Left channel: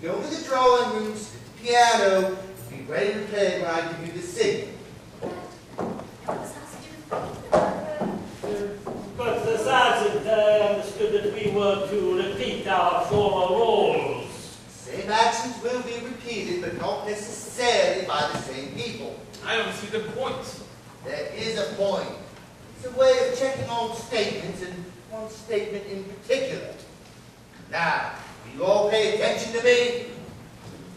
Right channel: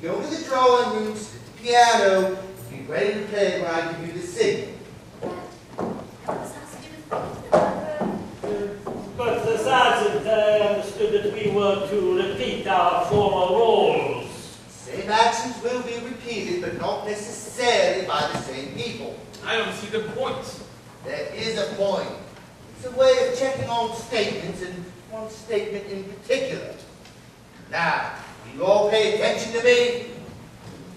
go to the drawing room, sit at the piano, and be ready to play when I give you the signal. But the sergeant understood that we were to repeat our former roles. Same actions will be repeated, but not necessarily by the same people. I don't see the point. There is a point. It's a way of checking on statements, and one statement in particular. Now, will you all pay attention to me?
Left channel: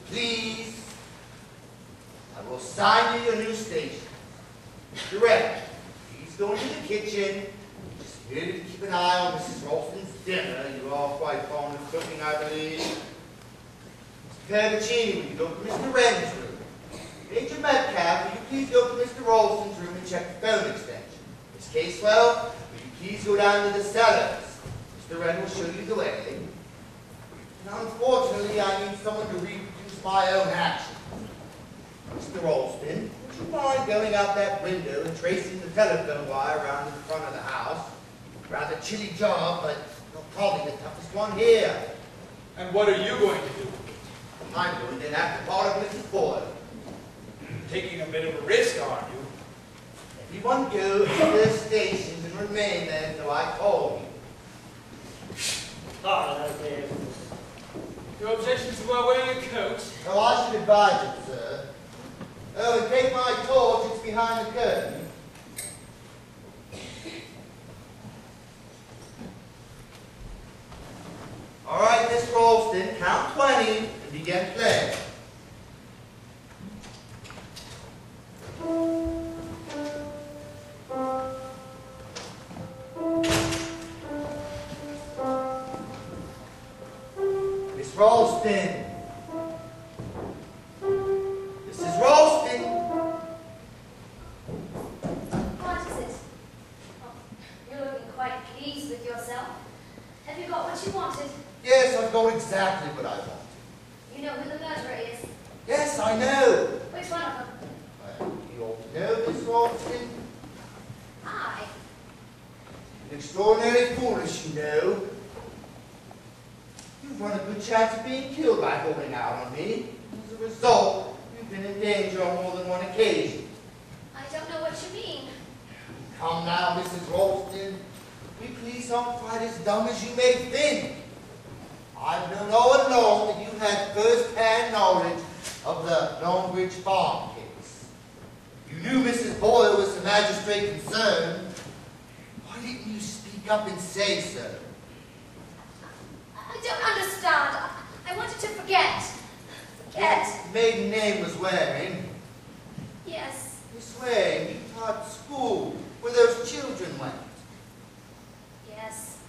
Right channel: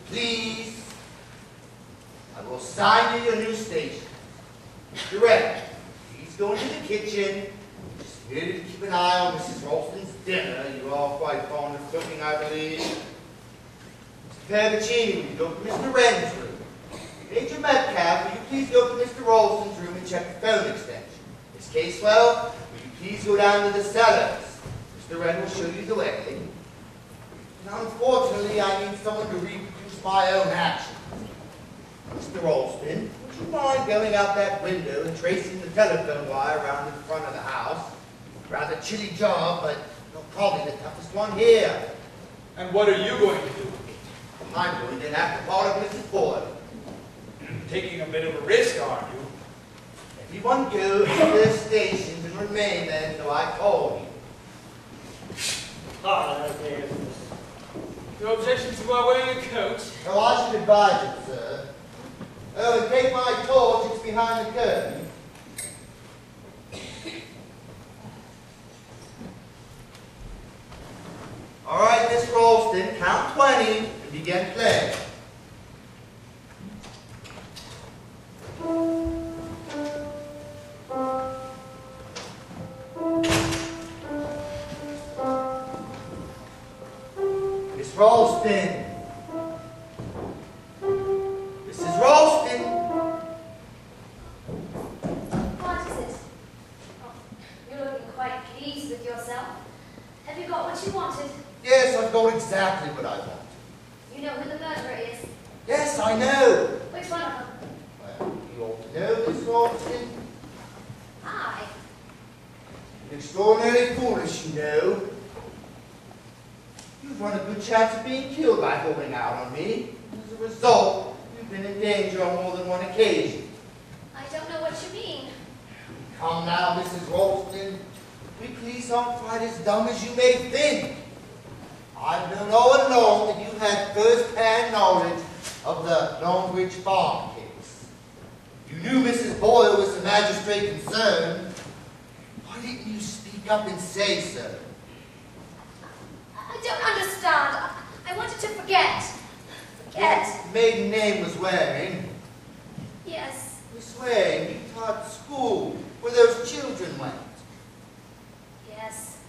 Please. I will assign you your new station. Director, please go into the kitchen. Just here to keep an eye on Mrs. Ralston's dinner. You're all quite fond of cooking, I believe. Mr. Pervicini, will you go to Mr. Wren's room? Major Metcalf, will you please go to Mr. Ralston's room and check the phone extension? Miss Casewell, will you please go down to the cellars? Mr. Wren will show you the way. And unfortunately, I need someone to reproduce my own actions. Mr. Ralston, would you mind going out that window and tracing the telephone wire around in front of the house? Rather chilly job, but probably the toughest one here. And what are you going to do? I'm going to enact the part of Mrs. Boyle. Taking a bit of a risk, aren't you? Everyone go to their stations and remain there until I call you. No objection to my wearing a coat? Oh, I should advise it, sir. Oh, and take my torch, it's behind the curtain. All right, Miss Ralston, count 20 and begin playing. Miss Ralston. Mrs. Ralston. What is it? Oh, you're looking quite pleased with yourself. Have you got what you wanted? Yes, I've got exactly what I want. You know who the murderer is? Yes, I know. Which one of them? Well, you ought to know, Miss Ralston. I. Extraordinarily foolish, you know. You've run a good chance of being killed by holding out on me. As a result, you've been in danger on more than one occasion. I don't know what you mean. Come now, Mrs. Ralston. We police aren't quite as dumb as you may think. I've known all along that you had first-hand knowledge of the Longbridge Farm case. You knew Mrs. Boyle was the magistrate concerned. Why didn't you speak up and say so? I don't understand. I wanted to forget. Forget. What maiden name was Waring? Yes. Miss Waring, you taught school where those children went. Yes.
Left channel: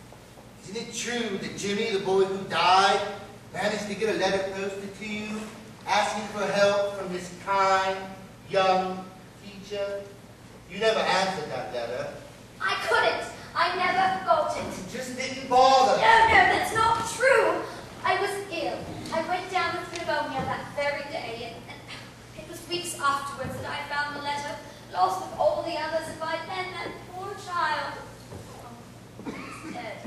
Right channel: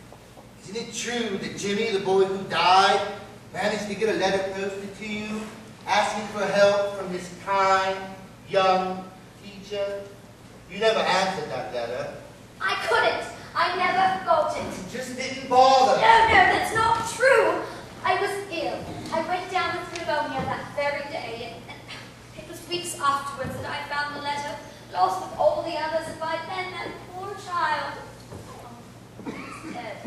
Isn't it true that Jimmy, the boy who died, managed to get a letter posted to you, asking for help from this kind, young teacher? You never answered that letter. I couldn't. I never got it. You just didn't bother. No, that's not true. I was ill. I went down with pneumonia that very day, and it was weeks afterwards that I found the letter, lost with all the others, and by then that poor child was dead.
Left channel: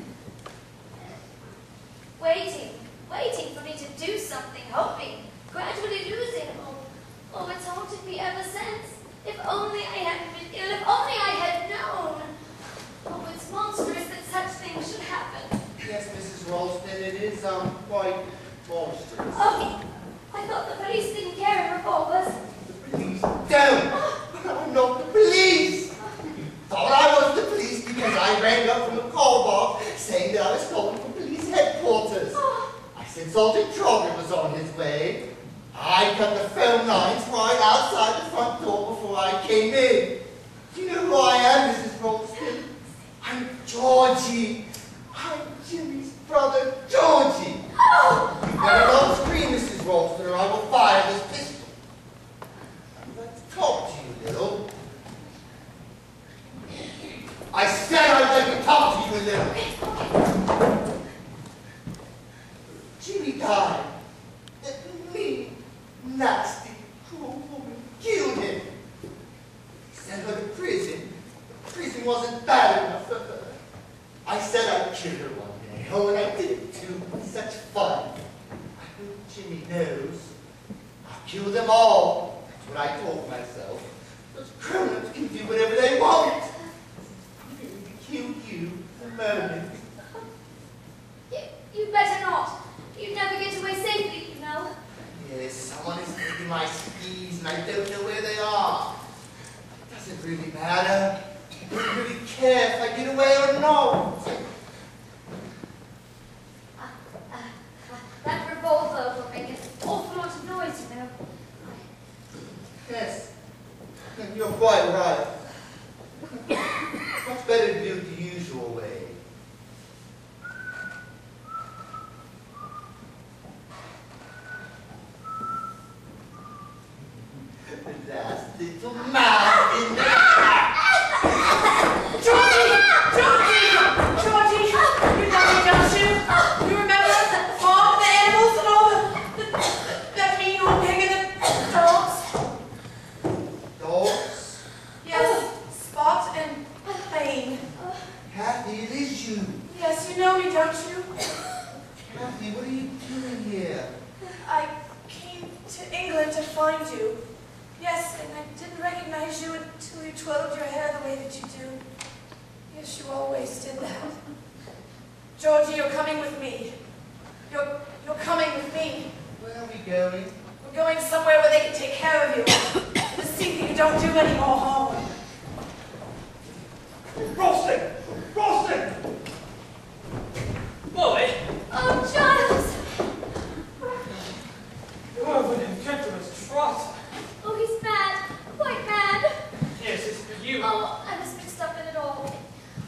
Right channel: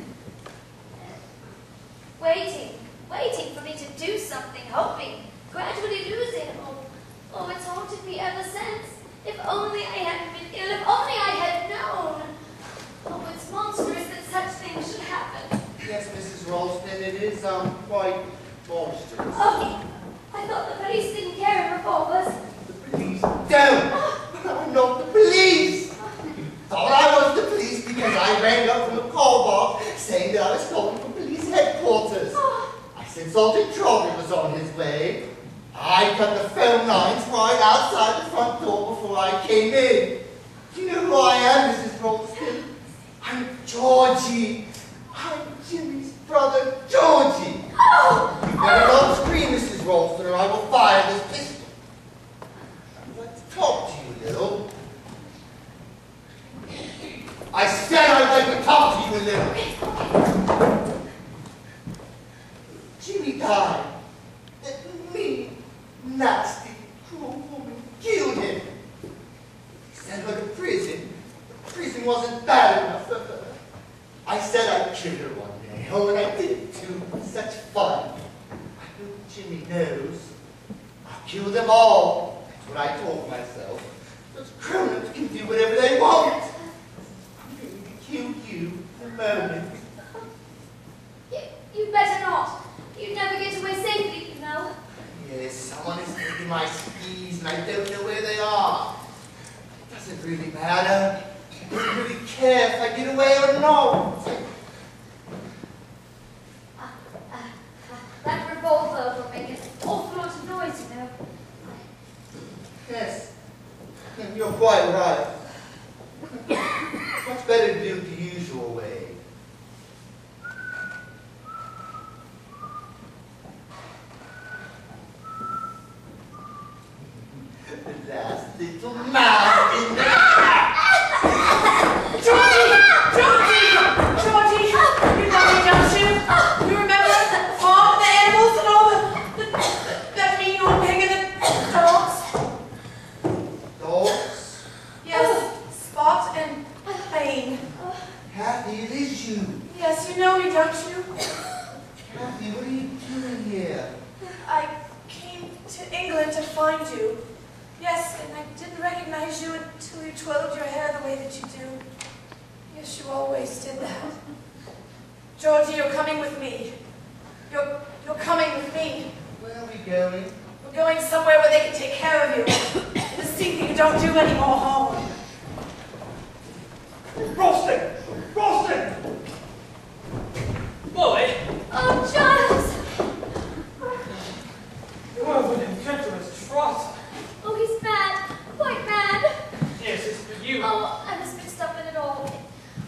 Waiting for me to do something, hoping, gradually losing. Oh, it's haunted me ever since. If only I hadn't been ill, if only I had known. Oh, it's monstrous that such things should happen. Yes, Mrs. Ralston, it is, quite monstrous. Oh, I thought the police didn't carry revolvers. The police don't! I'm not the police! You thought I was the police because I rang up from a call box saying that I was calling from police headquarters. I said Sergeant Trotter was on his way. I cut the phone lines right outside the front door before I came in. Do you know who I am, Mrs. Ralston? I'm Georgie. I'm Jimmy's brother, Georgie. Oh! You better not scream, Mrs. Ralston, or I will fire this pistol. Let's talk to you a little. I said I'd like to talk to you a little. Jimmy died. That mean, nasty, cruel woman killed him. He sent her to prison. The prison wasn't bad enough for her. I said I'd kill her one day. Oh, and I did it too. It was such fun. I heard Jimmy knows. I'll kill them all. That's what I told myself. Those grown-ups can do whatever they want. I'm going to kill you the moment. You better not. You'd never get away safely, you know. Yes, someone is taking my skis and I don't know where they are. It doesn't really matter. I don't really care if I get away or not. That revolver will make an awful lot of noise, you know. Yes, you're quite right. Much better to do it the usual way. The last little mouse in the Georgie, you know me, don't you? You remember the farm, the animals, and all that mean old pig and the dogs? dogs. Yes, Spot and Bane. Kathy, it is you. Yes, you know me, don't you? Kathy, what are you doing here? I came to England to find you. Yes, and I didn't recognize you until you twirled your hair the way that you do. Yes, you always did that. Georgie, you're coming with me. You're coming with me. Where are we going? We're going somewhere where they can take care of you. To see that you don't do any more harm. Ralston! Ralston! Molly! Oh, Giles! Oh, the gentleman's Trotter. Oh, he's mad. Quite mad. Yes, it's for you. Oh, I was mixed up in it all.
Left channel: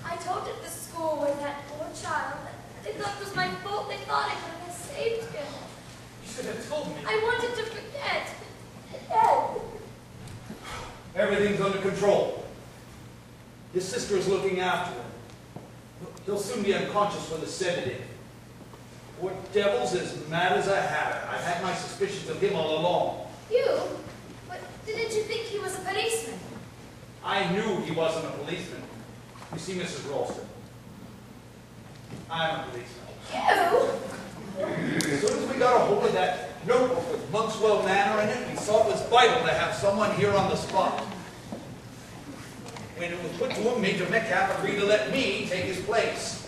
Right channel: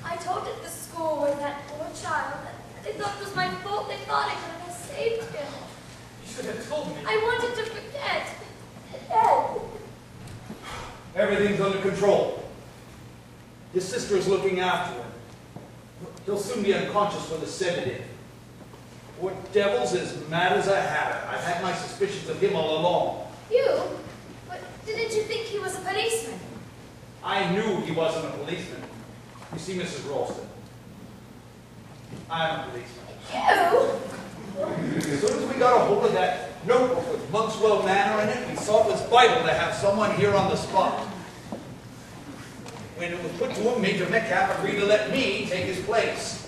I told at the school with that poor child that they thought it was my fault. They thought I could have saved him. You should have told me. I wanted to forget. Dad. Everything's under control. His sister is looking after him. He'll soon be unconscious with a sedative. Poor devil's as mad as a hatter. I've had my suspicions of him all along. You? But didn't you think he was a policeman? I knew he wasn't a policeman. You see, Mrs. Ralston, I'm a policeman. You? As soon as we got a hold of that notebook with Monkswell Manor in it, we saw it was vital to have someone here on the spot. When it was put to him, Major Metcalf agreed to let me take his place.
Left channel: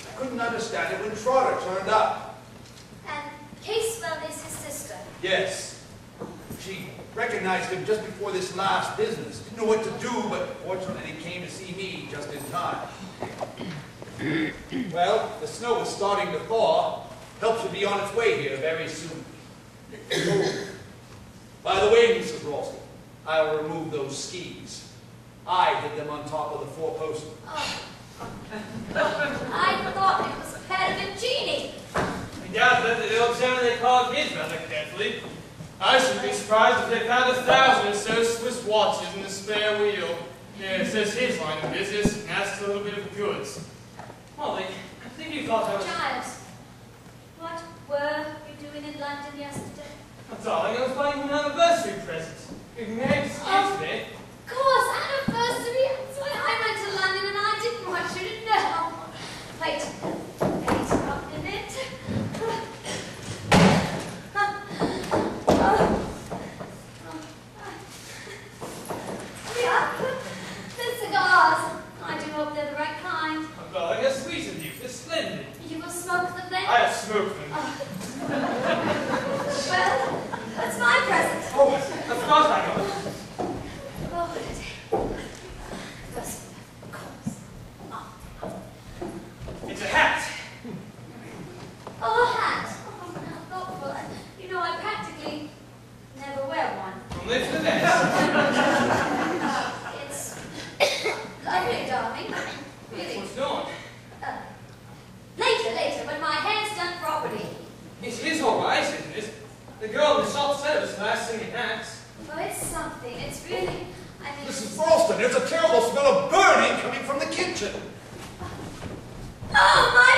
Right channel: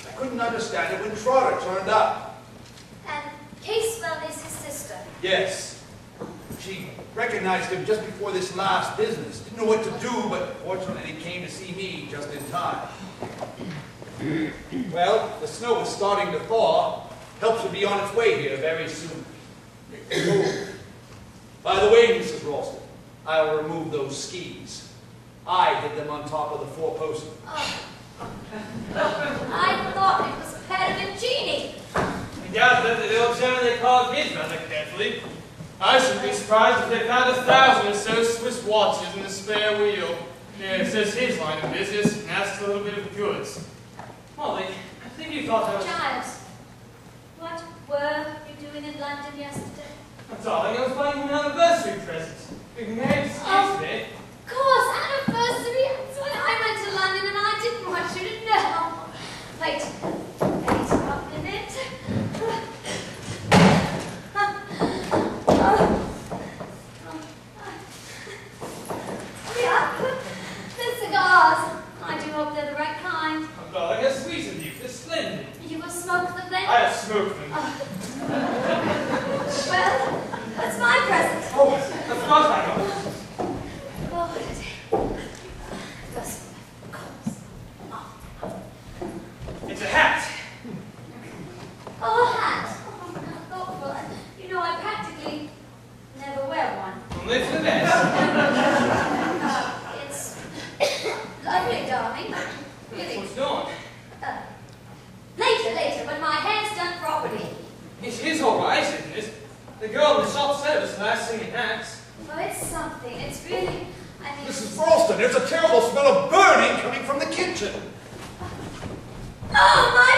I couldn't understand it when Trotter turned up. And Casewell is his sister. Yes. She recognized him just before this last business. Didn't know what to do, but fortunately he came to see me just in time. Well, the snow is starting to thaw. Help should be on its way here very soon. Oh. By the way, Mrs. Ralston, I'll remove those skis. I hid them on top of the four-post. Oh. I thought it was Perovingini. I doubt that the old gentleman they called his rather carefully. I shouldn't be surprised if they found 1,000 or so Swiss watches in the spare wheel. Yeah, it says his line of business, and that's a little bit of goods. Molly, I think you thought I was... Giles, what were you doing in London yesterday? Darling, I was buying you an anniversary present. Big Meg's yesterday. Of course, anniversary. That's why I went to London and I didn't want you to know. Wait a minute. Yeah, the cigars. I do hope they're the right kind. Oh, darling, how sweet of you. They're splendid. You will smoke them then? I have smoked them. Well, that's my present. Oh, of course I know. Oh, what a day. Yes, of course. It's a hat. Oh, a hat. Oh, how thoughtful. You know, I practically never wear one. Only for the best. It's lovely, darling. Really. What's going? Later, when my hair's done properly. It is all right, isn't it? The girl in the shop service last singing hats. Well, it's something. It's really, I mean... Mrs. Ralston, there's a terrible smell of burning coming from the kitchen. Oh, my